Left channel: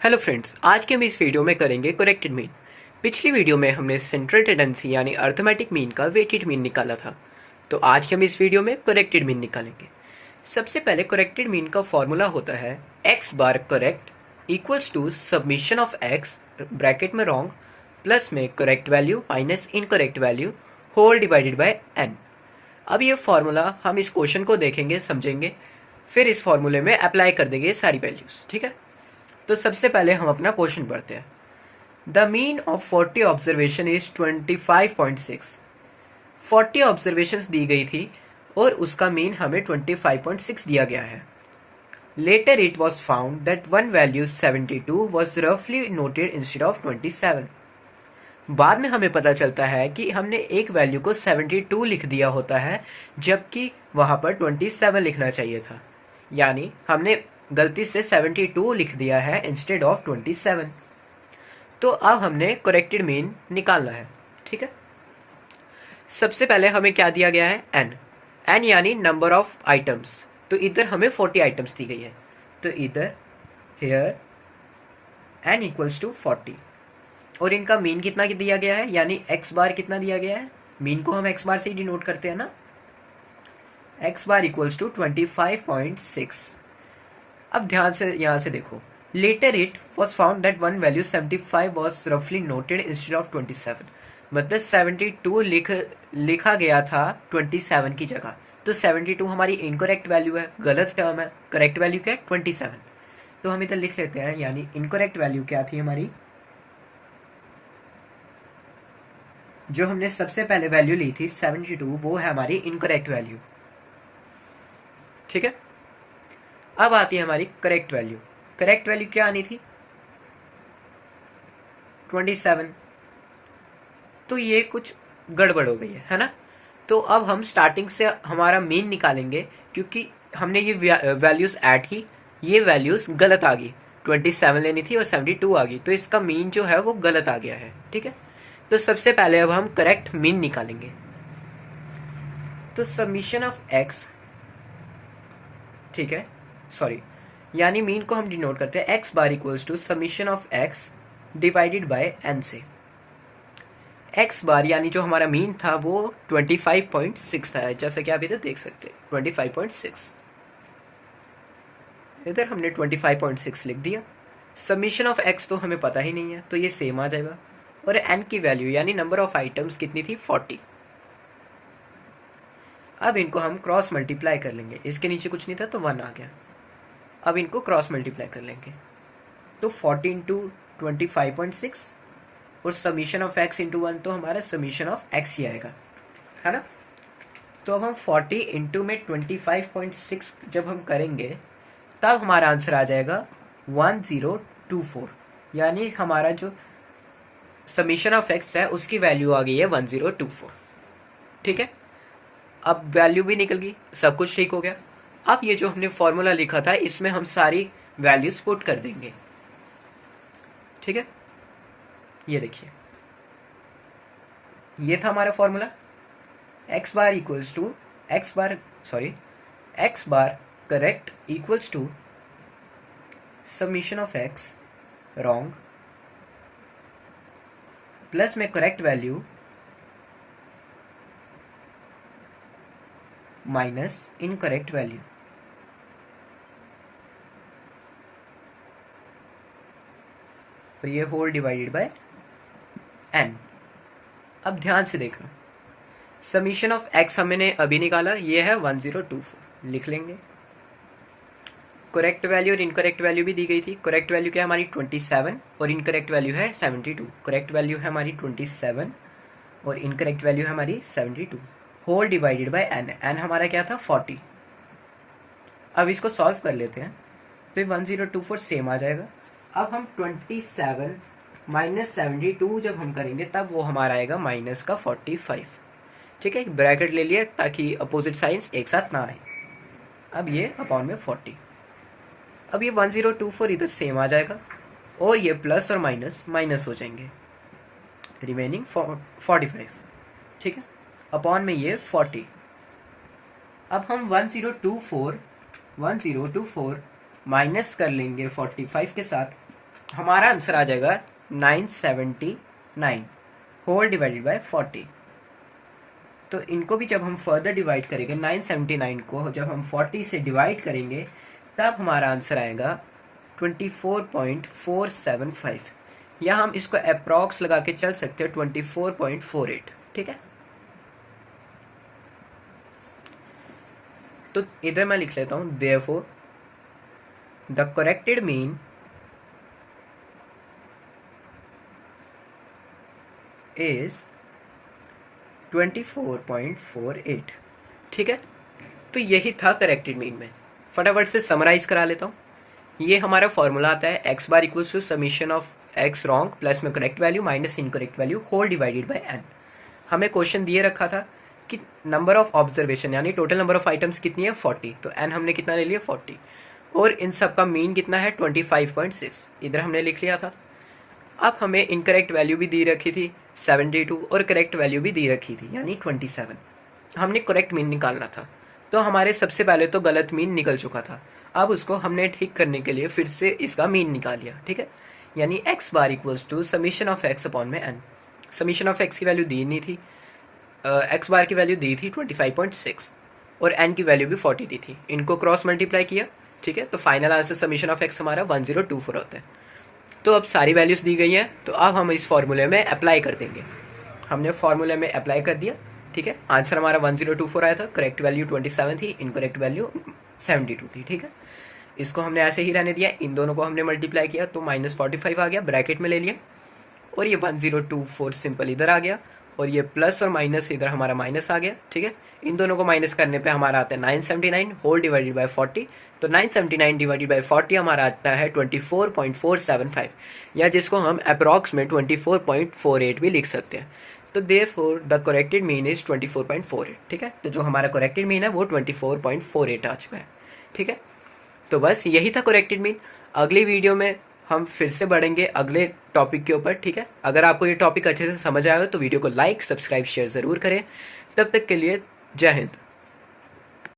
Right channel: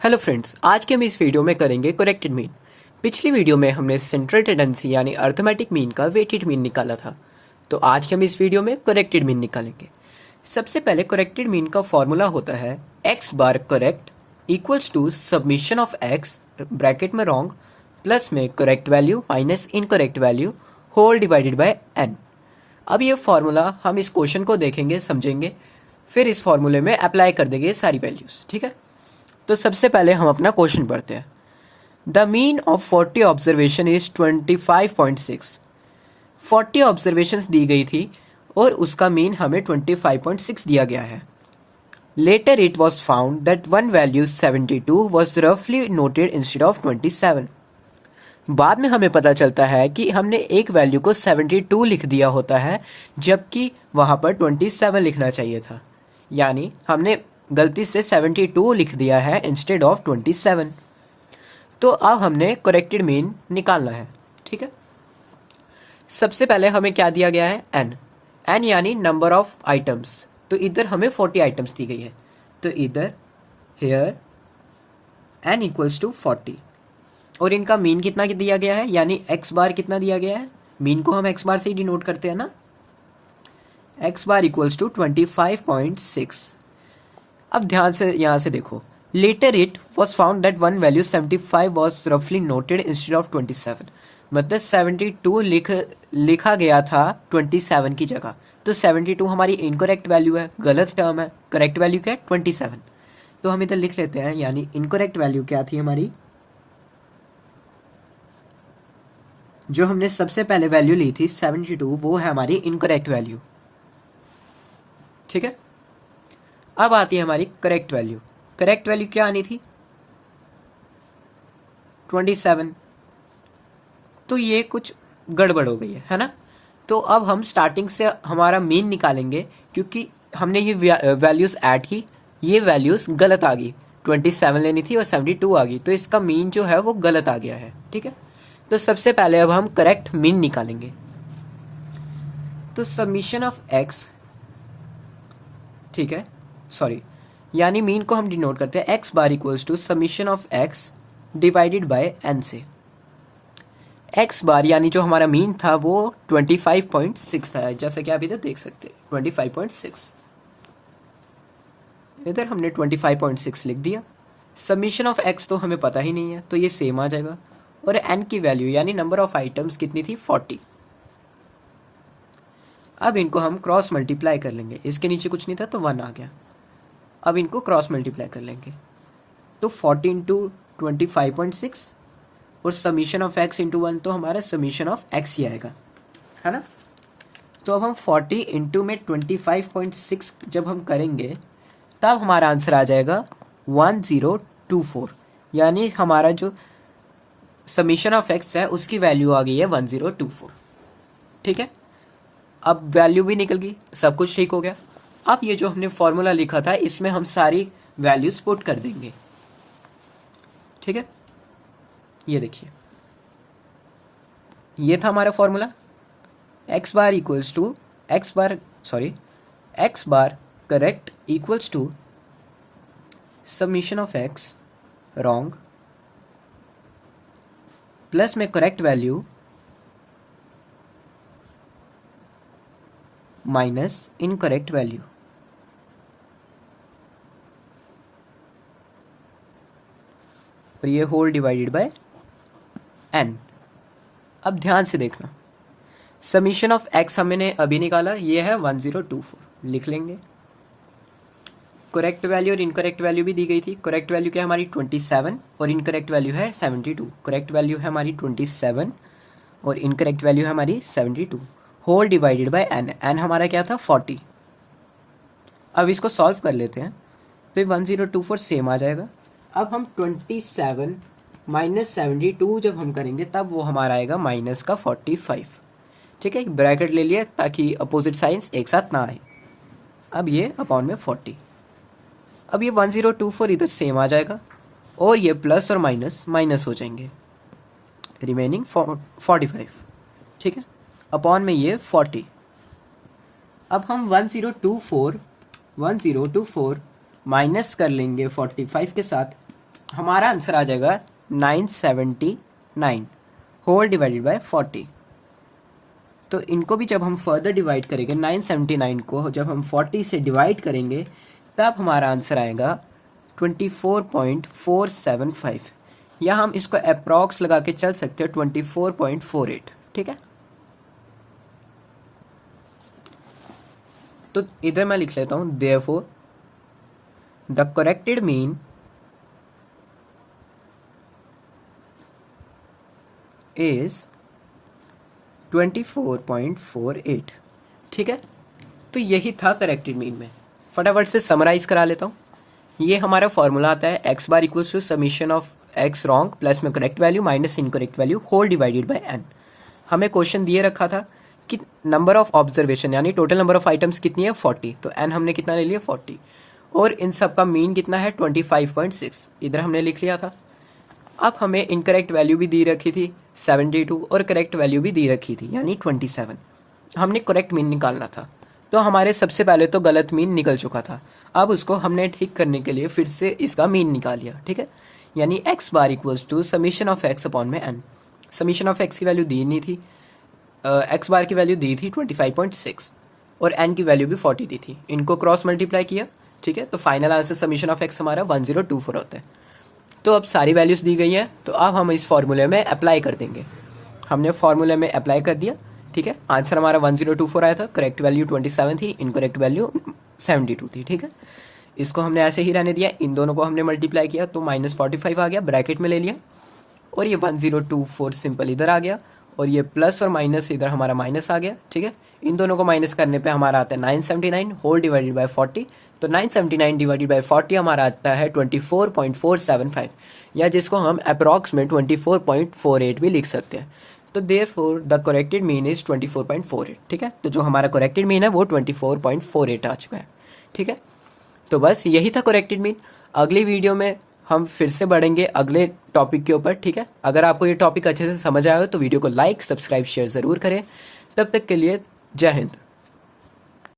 Hello friends, आज के हम इस वीडियो में करेंगे करेक्टेड मीन। पिछली वीडियो में हमने सेंट्रल टेंडेंसी यानी अर्थमेटिक मीन का वेटेड मीन निकाला था। तो आज के हम इस वीडियो में करेक्टेड मीन निकालेंगे। सबसे पहले करेक्टेड मीन का फॉर्मूला होता है x bar correct equals to submission of x bracket में रॉन्ग प्लस में correct value minus incorrect value whole divided by n. अब ये फॉर्मूला हम इस क्वेश्चन को देखेंगे, समझेंगे, फिर इस फॉर्मूले में अप्लाई कर देंगे सारी वैल्यूज। ठीक है, तो सबसे पहले हम अपना क्वेश्चन पढ़ते हैं। The mean of 40 observation is 25.6। 40 observations दी गई थी और उसका मीन हमें 25.6 दिया गया है। Later it was found that one value 72 was रफली नोटेड इंस्टेड ऑफ 27। बाद में हमें पता चलता है कि हमने एक वैल्यू को 72 लिख दिया होता है, जबकि वहाँ पर 27 लिखना चाहिए था। यानी हमने गलती से 72 लिख दिया है इंस्टेड ऑफ 27। तो अब हमने करेक्टेड मीन निकालना है। ठीक है, सबसे पहले हमें क्या दिया गया है, एन। एन यानी नंबर ऑफ आइटम्स। तो इधर हमें 40 आइटम्स दी गई है, तो इधर हेयर एन इक्वल्स टू 40 और इनका मीन कितना दिया गया है, यानी एक्स बार कितना दिया गया है। मीन को हम एक्स बार से ही डिनोट करते हैं ना। X bar equals to 25.6। अब ध्यान से यहाँ से देखो, later it was found that one value 75 was रफली नोटेड इंस्टेड ऑफ 27। मतलब 72 लिखा गया था 27 की जगह। तो 72 हमारी इनकरेक्ट वैल्यू है, गलत टर्म है। करेक्ट वैल्यू क्या है, 27। तो हम इधर लिख लेते हैं, यानी इनकरेक्ट वैल्यू क्या थी हमारी, जो हमने सबसे पहले वैल्यू ली थी 72, वो है हमारी इनकरेक्ट वैल्यू। ठीक है, अब आती है हमारी करेक्ट वैल्यू। करेक्ट वैल्यू क्या आनी थी, 27। तो ये कुछ गड़बड़ हो गई है ना। तो अब हम स्टार्टिंग से हमारा मीन निकालेंगे, क्योंकि हमने ये वैल्यूज ऐड की, ये वैल्यूज गलत आ गई। 27 लेनी थी और 72 आ गई, तो इसका मीन जो है वो गलत आ गया है। ठीक है, तो सबसे पहले अब हम करेक्ट मीन निकालेंगे। तो समीशन ऑफ एक्स, ठीक है, सॉरी, यानी मीन को हम डिनोट करते हैं x bar equals to summation of x divided by n से। एक्स बार यानी जो हमारा मीन था वो 25.6 था, जैसे कि आप इधर देख सकते हैं 25.6। इधर हमने 25.6 लिख दिया। समीशन ऑफ एक्स तो हमें पता ही नहीं है, तो ये सेम आ जाएगा। और एन की वैल्यू यानी नंबर ऑफ आइटम्स कितनी थी, 40। अब इनको हम क्रॉस मल्टीप्लाई कर लेंगे, इसके नीचे कुछ नहीं था तो 1 आ गया। अब इनको क्रॉस मल्टीप्लाई कर लेंगे, तो 40 इंटू 25.6 और समीशन ऑफ एक्स इंटू 1, तो हमारा समीशन ऑफ एक्स ही आएगा, है ना। तो अब हम 40 इंटू में 25.6 जब हम करेंगे तब हमारा आंसर आ जाएगा 1024। यानी हमारा जो समीशन ऑफ एक्स है उसकी वैल्यू आ गई है 1024। ठीक है, अब वैल्यू भी निकल गई, सब कुछ ठीक हो गया। अब ये जो हमने फॉर्मूला लिखा था इसमें हम सारी वैल्यूज पुट कर देंगे। ठीक है, ये देखिए, ये था हमारा formula. X bar equals to X bar correct equals to summation of X wrong plus में correct value minus incorrect value. और ये होल डिवाइडेड बाय एन। अब ध्यान से देखना, समीशन ऑफ एक्स हमने अभी निकाला, ये है 1024, लिख लेंगे। करेक्ट वैल्यू और इनकरेक्ट वैल्यू भी दी गई थी। करेक्ट वैल्यू क्या है हमारी 27 और इनकरेक्ट वैल्यू है 72। करेक्ट वैल्यू है हमारी 27 और इनकरेक्ट वैल्यू है हमारी 72। Whole divided by n. N हमारा क्या था, 40। अब इसको सॉल्व कर लेते हैं, तो 1024 सेम आ जाएगा। अब हम 27 माइनस 72 जब हम करेंगे तब वो हमारा आएगा माइनस का 45। ठीक है, ब्रैकेट ले लिया ताकि अपोजिट साइंस एक साथ ना आए। अब ये अपॉन में 40। अब ये 1024 इधर सेम आ जाएगा और ये प्लस और माइनस माइनस हो जाएंगे, रिमेनिंग 45। ठीक है, अपॉन में ये 40। अब हम 1024 माइनस कर लेंगे 45 के साथ, हमारा आंसर आ जाएगा 979 होल डिवाइडेड बाय 40। तो इनको भी जब हम फर्दर डिवाइड करेंगे, 979 को जब हम 40 से डिवाइड करेंगे तब हमारा आंसर आएगा 24.475, या हम इसको अप्रॉक्स लगा के चल सकते हैं 24.48। ठीक है, तो इधर मैं लिख लेता हूं therefore the corrected mean is 24.48। ठीक है, तो यही था करेक्टेड मीन में। फटाफट से समराइज करा लेता हूँ। ये हमारा फॉर्मूला आता है x bar equals to summation of X wrong plus में correct value minus incorrect value whole divided by N. हमें क्वेश्चन दिए रखा था कि नंबर ऑफ ऑब्जर्वेशन यानी टोटल नंबर ऑफ आइटम्स कितनी है 40, तो एन हमने कितना ले लिया 40, और इन सब का मीन कितना है 25.6, इधर हमने लिख लिया था। अब हमें इनकरेक्ट वैल्यू भी दी रखी थी 72 और करेक्ट वैल्यू भी दी रखी थी यानी 27। हमने करेक्ट मीन निकालना था, तो हमारे सबसे पहले तो गलत मीन निकल चुका था। अब उसको हमने ठीक करने के लिए फिर से इसका मीन निकाल लिया। ठीक है, यानी x bar equals to summation of x upon में एन। समीशन ऑफ एक्स की वैल्यू दी नहीं थी, एक्स बार की वैल्यू दी थी 25.6 और एन की वैल्यू भी 40 दी थी। इनको क्रॉस मल्टीप्लाई किया। ठीक है, तो final answer summation of x हमारा 1024 होता है। तो अब सारी वैल्यूज़ दी गई हैं, तो अब हम इस फॉर्मूले में अप्लाई कर देंगे। हमने फॉर्मूले में अप्लाई कर दिया। ठीक है, आंसर हमारा 1024 आया था, करेक्ट वैल्यू 27 थी, इनकरेक्ट वैल्यू 72 थी। ठीक है, इसको हमने ऐसे ही रहने दिया, इन दोनों को हमने मल्टीप्लाई किया तो -45 आ गया, ब्रैकेट में ले लिया, और ये 1024 सिंपल इधर आ गया, और ये प्लस और माइनस इधर हमारा माइनस आ गया। ठीक है, इन दोनों को माइनस करने पे हमारा आता है 979 होल डिवाइडेड बाय 40। तो 979 डिवाइडेड बाय 40 हमारा आता है 24.475, या जिसको हम अप्रॉक्स में 24.48 भी लिख सकते हैं। तो therefore the corrected mean is 24.48। ठीक है, तो जो हमारा करेक्टेड मीन है वो 24.48 आ चुका है। ठीक है, तो बस यही था करेक्टेड मीन। अगली वीडियो में हम फिर से बढ़ेंगे अगले टॉपिक के ऊपर। ठीक है, अगर आपको ये टॉपिक अच्छे से समझ आया हो तो वीडियो को लाइक सब्सक्राइब शेयर ज़रूर करें। तब तक के लिए जय हिंद।